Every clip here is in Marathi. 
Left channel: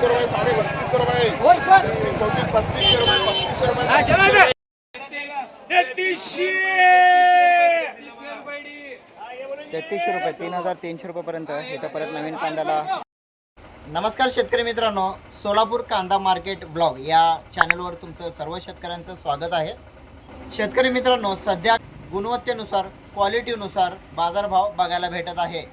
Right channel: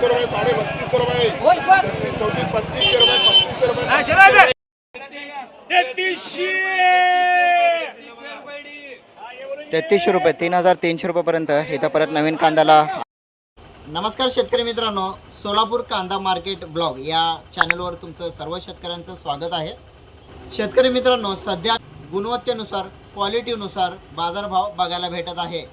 3200 रुपये, 3250 रुपये, 34, 35 रुपये, 35 रुपये, 35 रुपये, 3300 रुपये, 3300 रुपयेपर्यंत इथं परत नवीन कांद्याला. नमस्कार शेतकरी मित्रांनो, सोलापूर कांदा मार्केट ब्लॉग या चॅनलवर तुमचं सर्व शेतकऱ्यांचं स्वागत आहे. शेतकरी मित्रांनो, सध्या गुणवत्तेनुसार क्वालिटीनुसार बाजारभाव बघायला भेटत आहे.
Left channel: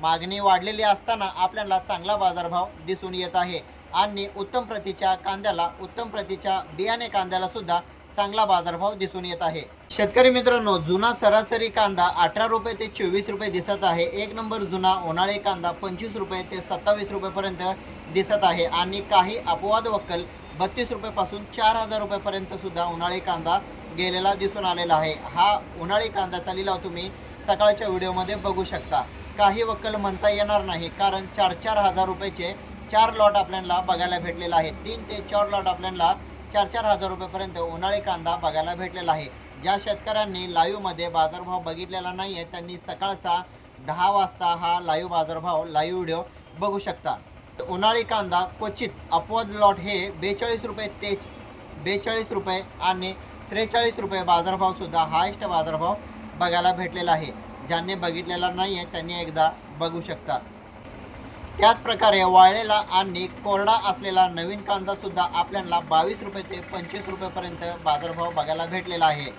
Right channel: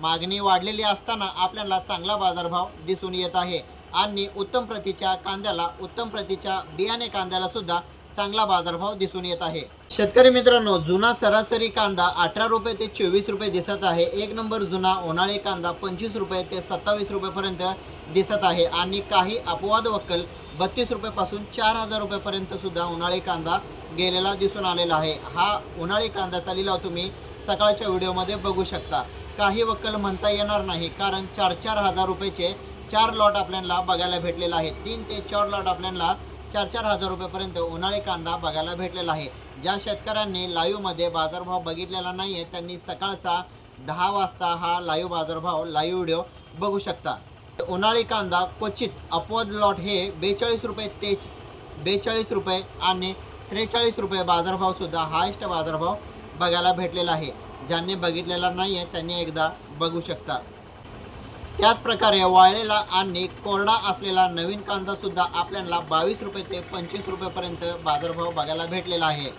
मागणी वाढलेली असताना आपल्याला चांगला बाजारभाव दिसून येत आहे आणि उत्तम प्रतीच्या कांद्याला, उत्तम प्रतीच्या बियाणे कांद्याला सुद्धा चांगला बाजारभाव दिसून येत आहे. शेतकरी मित्रांनो, जुना सरासरी कांदा 18 रुपये ते 24 रुपये दिसत आहे. एक नंबर जुना उन्हाळी कांदा 25 रुपये ते 27 रुपयेपर्यंत दिसत आहे आणि काही अपवाद वक्कल 32 रुपयापासून 4000 रुपयेपर्यंत सुद्धा उन्हाळी कांदा गेलेला दिसून आलेला आहे. हा उन्हाळी कांद्याचा लिलाव तुम्ही सकाळच्या व्हिडिओमध्ये बघू शकता. काही वक्कल म्हणता येणार नाही, कारण 4-4 हजार रुपयाचे 4 लॉट आपल्याला बघायला भेटलेला आहे. 3 ते 4 लॉट आपल्याला 4-4 हजार रुपयेपर्यंत उन्हाळी कांदा बघायला भेटलेला आहे. ज्या शेतकऱ्यांनी लाईव्हमध्ये बाजारभाव बघितलेला नाही आहे त्यांनी सकाळचा 10 वाजता हा लाईव्ह बाजारभाव लाईव्ह व्हिडिओ बघू शकता. उन्हाळी कांदा क्वचित अपवाद लॉट हे 42 रुपये ते 42 रुपये आणि 43 रुपये बाजारभावसुद्धा हायस्ट बाजारभाव बघायला भेटलेला आहे. ज्यांनी बघितलेला नाही आहे त्यांनी एकदा बघू शकता. त्याचप्रकारे वाळलेला आणि कोरडा असलेला नवीन कांदासुद्धा आपल्याला 22 रुपये ते 25 रुपयेपर्यंत बाजारभाव बघायला भेटलेला आहे.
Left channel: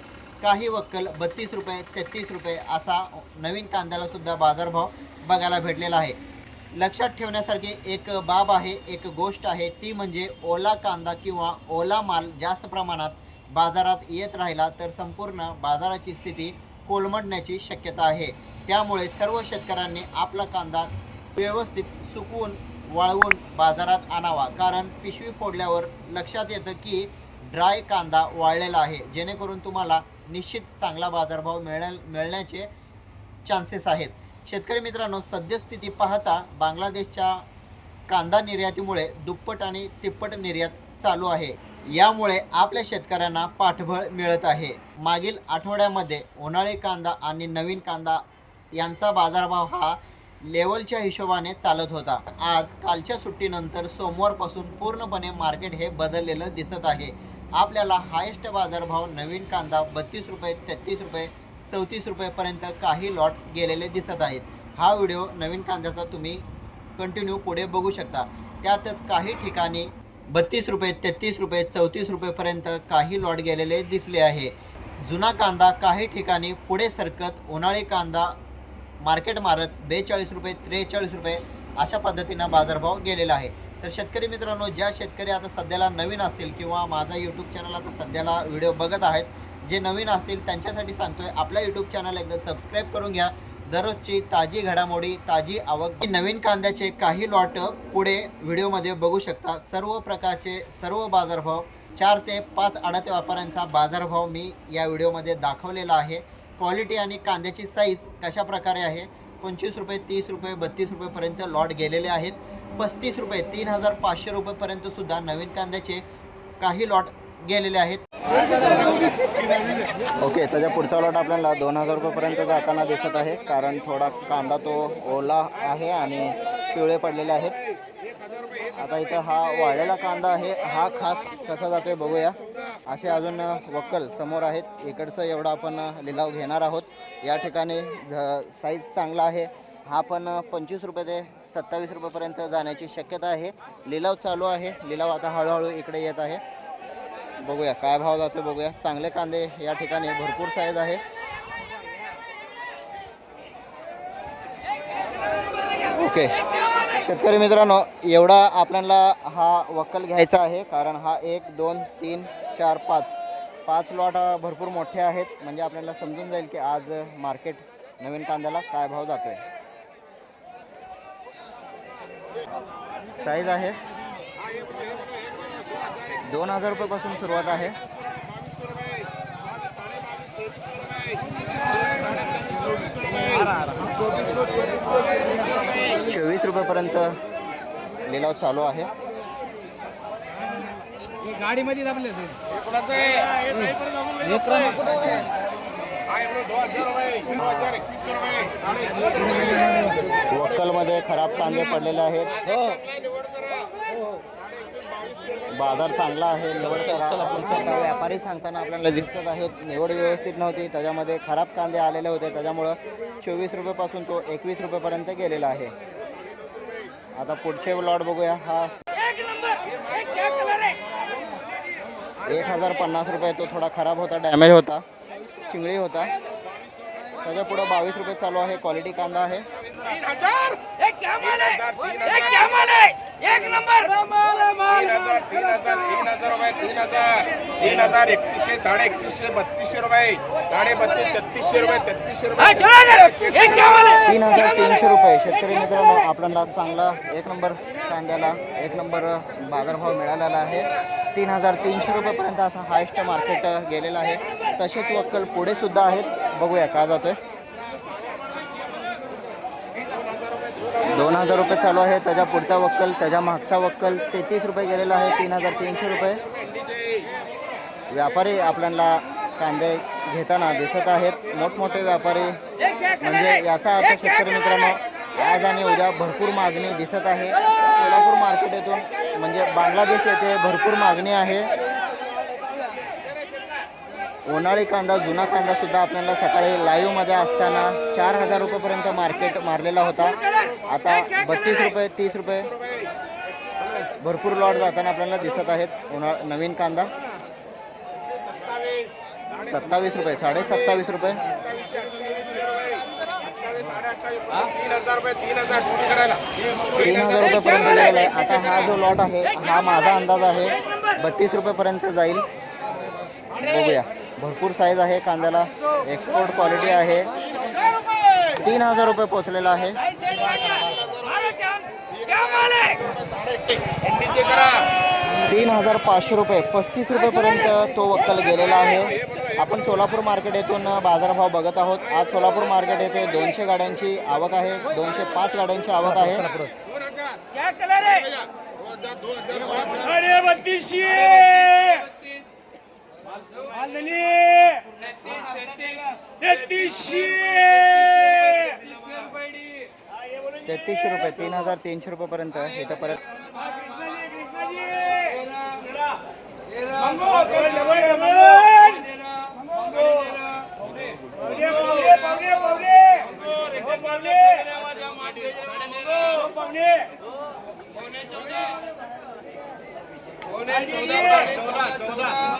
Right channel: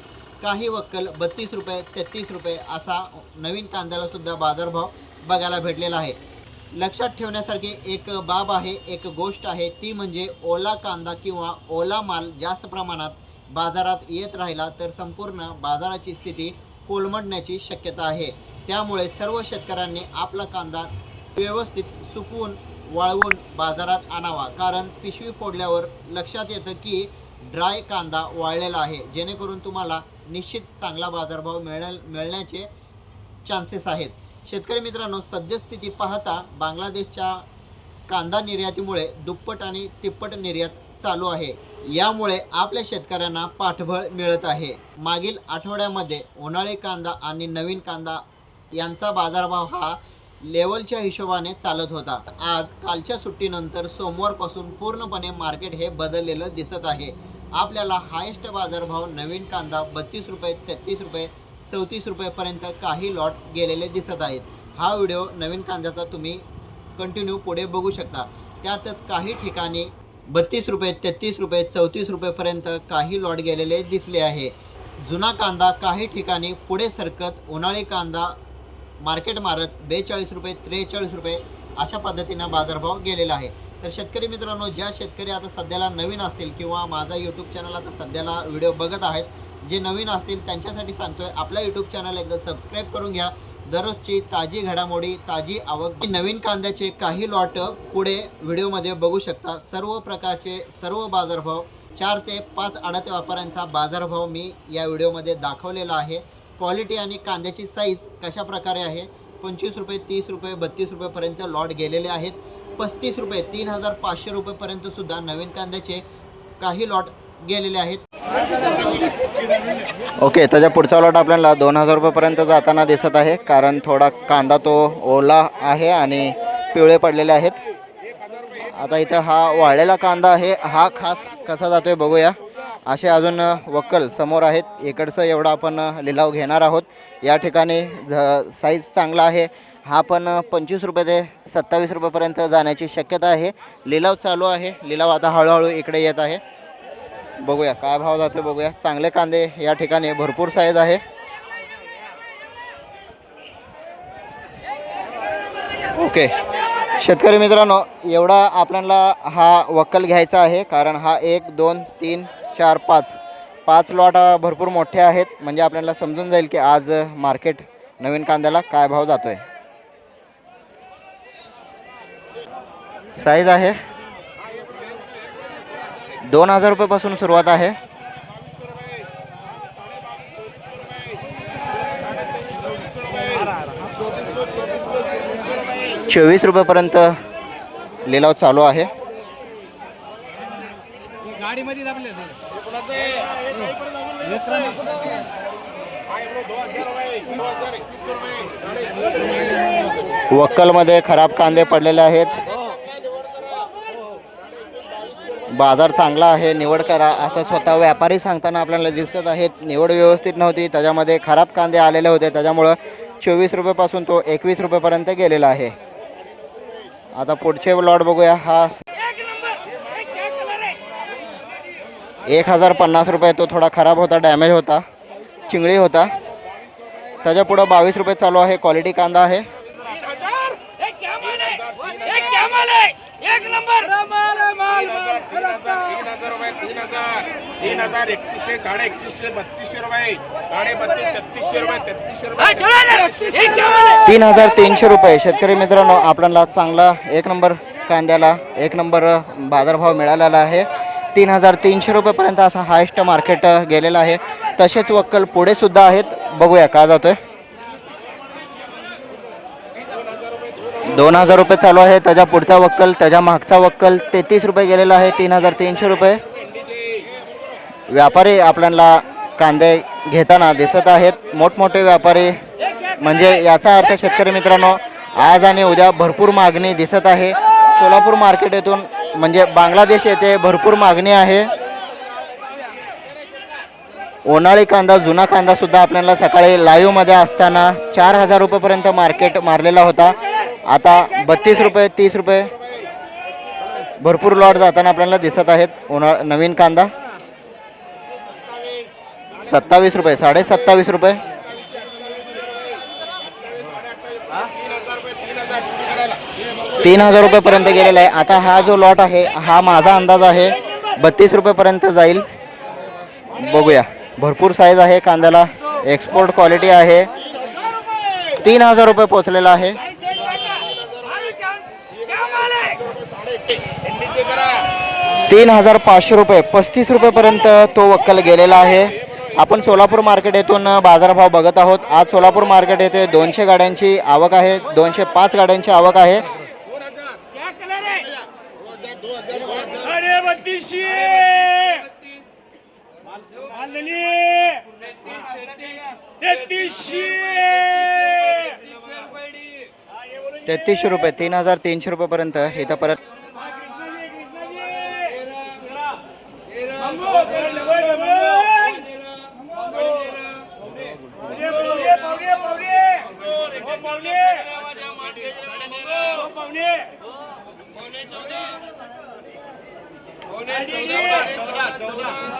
काही वक्कल 32 रुपये 33 रुपये असा नवीन कांद्यालासुद्धा बाजारभाव बघायला भेटलेला आहे. लक्षात ठेवण्यासारखी एक बाब आहे, एक गोष्ट आहे, ती म्हणजे ओला कांदा किंवा ओला माल जास्त प्रमाणात बाजारात येत राहिला तर संपूर्ण बाजाराची स्थिती कोलमडण्याची शक्यता आहे. त्यामुळे सर्व शेतकऱ्यांनी आपला कांदा व्यवस्थित सुकवून वाळवून बाजारात आणावा, कारण पिशवी फोडल्यावर लक्षात येतं की ड्राय कांदा वाळलेला आहे, जेणेकरून तुम्हाला निश्चित चांगला बाजारभाव मिळण्याचे चान्सेस आहेत. शेतकरी मित्रांनो, सद्यस्थिती पाहता बांगलादेशच्या कांदा निर्यातीमुळे दुप्पट आणि तिप्पट निर्यात चालू आहे. यामुळे आपल्या शेतकऱ्यांना पाठबळ मिळत आहे. मागील आठवड्यामध्ये उन्हाळी कांदा आणि नवीन कांदा यांचा बाजारभाव हा लेवलच्या हिशोबाने चालत होता. आज कालच्या सुट्टीनंतर सोमवारपासून पूर्णपणे मार्केट हे बदललेलं दिसत आहे. आपल्याला हायेस्ट बाजारभाव नवीन कांदा 32 रुपये 33 रुपये 34 रुपयेपर्यंत काही लॉट गेलेले दिसत आहेत. हा व्हिडिओ नवीन कांद्याचा तुम्ही कंटिन्यू पुढे बघू शकता. त्यातच काही ठिकाणी 32 रुपये 33 रुपये 34 रुपयेपर्यंत काही लॉट गेलेले दिसले आहे. जुना कांदा काही ठिकाणी पुढे सरकत उन्हाळी कांदा मार्केट मारत 42 रुपये 43 रुपये अशा पद्धतीनं बाजारभाव गेलेला आहे. तर शेतकरी मित्रांनो, ज्या शेतकरी आता सध्याला नवीन असतील किंवा माझा यूट्यूब चॅनल आता सध्याला व्हिडिओ बघत आहेत, जे नवीन असतील त्यांच्यासाठी सांगतोय, आपला यूट्यूब चॅनल एकदा सबस्क्राईब करून घ्या. दररोजची ताजी घडामोडी, ताजी आवक, नवीन कांद्याचे काही लॉट पुढे व्हिडिओमध्ये बघू शकता. सर्व प्रकारचे सर्व बाजारभाव 4 ते 5 आडते व्यापाऱ्यांचा बाजारभाव मी या व्हिडिओमध्ये दाखवलेला आहे. क्वालिटी आणि कांद्याची साईज कशा प्रकारे आहे. 25 रुपये 30 रुपये 32 रुपयेपर्यंत लॉट गेलेले आहेत. 35 रुपये 3500 रुपयेपर्यंत सुद्धा नवीन कांद्याचे काही लॉट गेलेले आहेत. ओके, त्याच्या पुढचा लॉट आपल्याला 2000 रुपयेपर्यंत जाताना दिसत आहे, कारण थोडा कांदा तो ओला आहे आणि पिवळे पडलेले आहेत. आता इथं हा वाळलेला कांदा आहे, हा खास कसा जातोय बघूया. असे अजून वक्कल समोर आहेत. इकडचं एवढा आपण लिलाव घेणार आहोत. या ठिकाणी साईज चांगला आहे. हा पण 25 रुपये ते 27 रुपयेपर्यंत जाण्याची शक्यता आहे. लिलाव चालू आहे. लिलाव आता हळूहळू इकडे येत आहे. बघूया काय भाव जातो बघूया. चांगले कांदे या ठिकाणी भरपूर साईज आहे. ओके शेतकरी मित्रांनो, एवढा आपल्याला हा वक्कल घ्यायचा आहे, कारण हा 1 2 3 4 5 लॉट भरपूर मोठे आहेत. म्हणजे आपल्याला समजून जाईल की आज मार्केट नवीन कांद्याला काय भाव जातोय. साईज आहे 2000 रुपयापासून सुरुवात आहे. 24 रुपयेपर्यंत लिलाव चालू आहे. वक्कलमध्ये खराब कांदे पडलेले आहेत. बाजार चांगला आहे, निवड करा असं स्वतः व्यापारी सांगताना आपल्याला दिसत आहेत. निवड व्यवस्थित नव्हती, त्याच्यामध्ये खराब कांदे आलेले होते, त्याच्यामुळं 24 रुपयापासून तो 21 रुपयापर्यंत गेलेला आहे. आता पुढचे लॉट बघूया. हा 1050 रुपये, तो थोडा खराब होता, डॅमेज होता, चिंगळी होता. त्याच्या पुढं 22 रुपये चालू आहे. क्वालिटी कांदा आहे. 3000 रुपये, 3000 3100 3150 3200 रुपये, 3250 3300 रुपये, 3300 रुपये, 3300 रुपये. शेतकरी मित्रांनो, आपल्याला चांगला एक नंबर कांद्याला एक नंबर बाजारभाव मिळालेला आहे. 3300 रुपयेपर्यंत असा हायेस्ट मार्केट गेलेला आहे. तसेच वक्कल पुढे सुद्धा आहेत, बघूया का जातोय. 2000 रुपये चालू आहे. त्याच्या पुढचा वक्कल, त्याच्या मागचा वक्कल 33 रुपये गेलेला आहे. 3300 रुपये. व्यापारी आपल्याला कांदे घेताना दिसत आहेत, मोठमोठे व्यापारी. म्हणजे याचा अर्थ शेतकरी मित्रांनो, आज आणि उद्या भरपूर मागणी दिसत आहे. सोलापूर मार्केट येथून म्हणजे बांगलादेश येथे भरपूर मागणी आहे. उन्हाळी कांदा, जुना कांदा सुद्धा आपल्याला सकाळी लाईव्हमध्ये असताना 4000 रुपयेपर्यंत मार्केट मारलेला होता. आता 32 रुपये 30 रुपये भरपूर लॉट जाताना आपल्याला दिसत आहेत. नवीन कांदा 27 रुपये 27.5 रुपये. 3000 रुपयेपर्यंत गेलेला आहे. आता हा जो लॉट आहे, हा माझा अंदाज आहे 32 रुपयेपर्यंत जाईल. बघूया, भरपूर साईज आहे कांद्याला, एक्सपोर्ट क्वालिटी आहे. 3000 रुपये पोचलेला आहे. 3500 रुपये 35 रुपयेपर्यंत तो वक्कल गेलेला आहे. आपण सोलापूर मार्केट येथून बाजारभाव बघत आहोत. आज सोलापूर मार्केट येथे 200 गाड्यांची आवक आहे, 205 गाड्यांची आवक आहे. 3300 रुपये 3300 रुपयेपर्यंत इथं परत.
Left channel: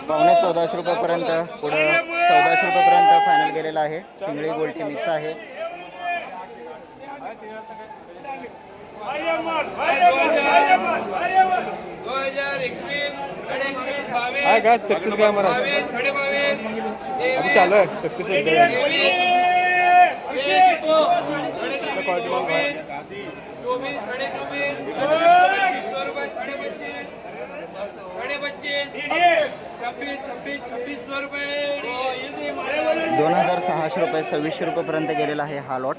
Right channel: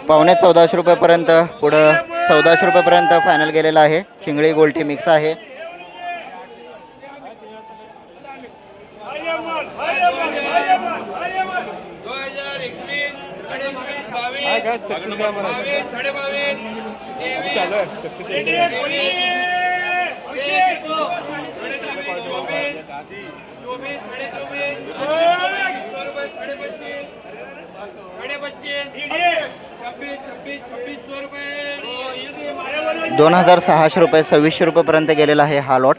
पावणे 1400 रुपयेपर्यंत, पुढं 1400 रुपयेपर्यंत फायनल गेलेला आहे. चिंगळी गोल्टी मिक्स आहे. ₹2600 रुपये 2600 रुपयेपर्यंत गेलेला आहे हा लॉट.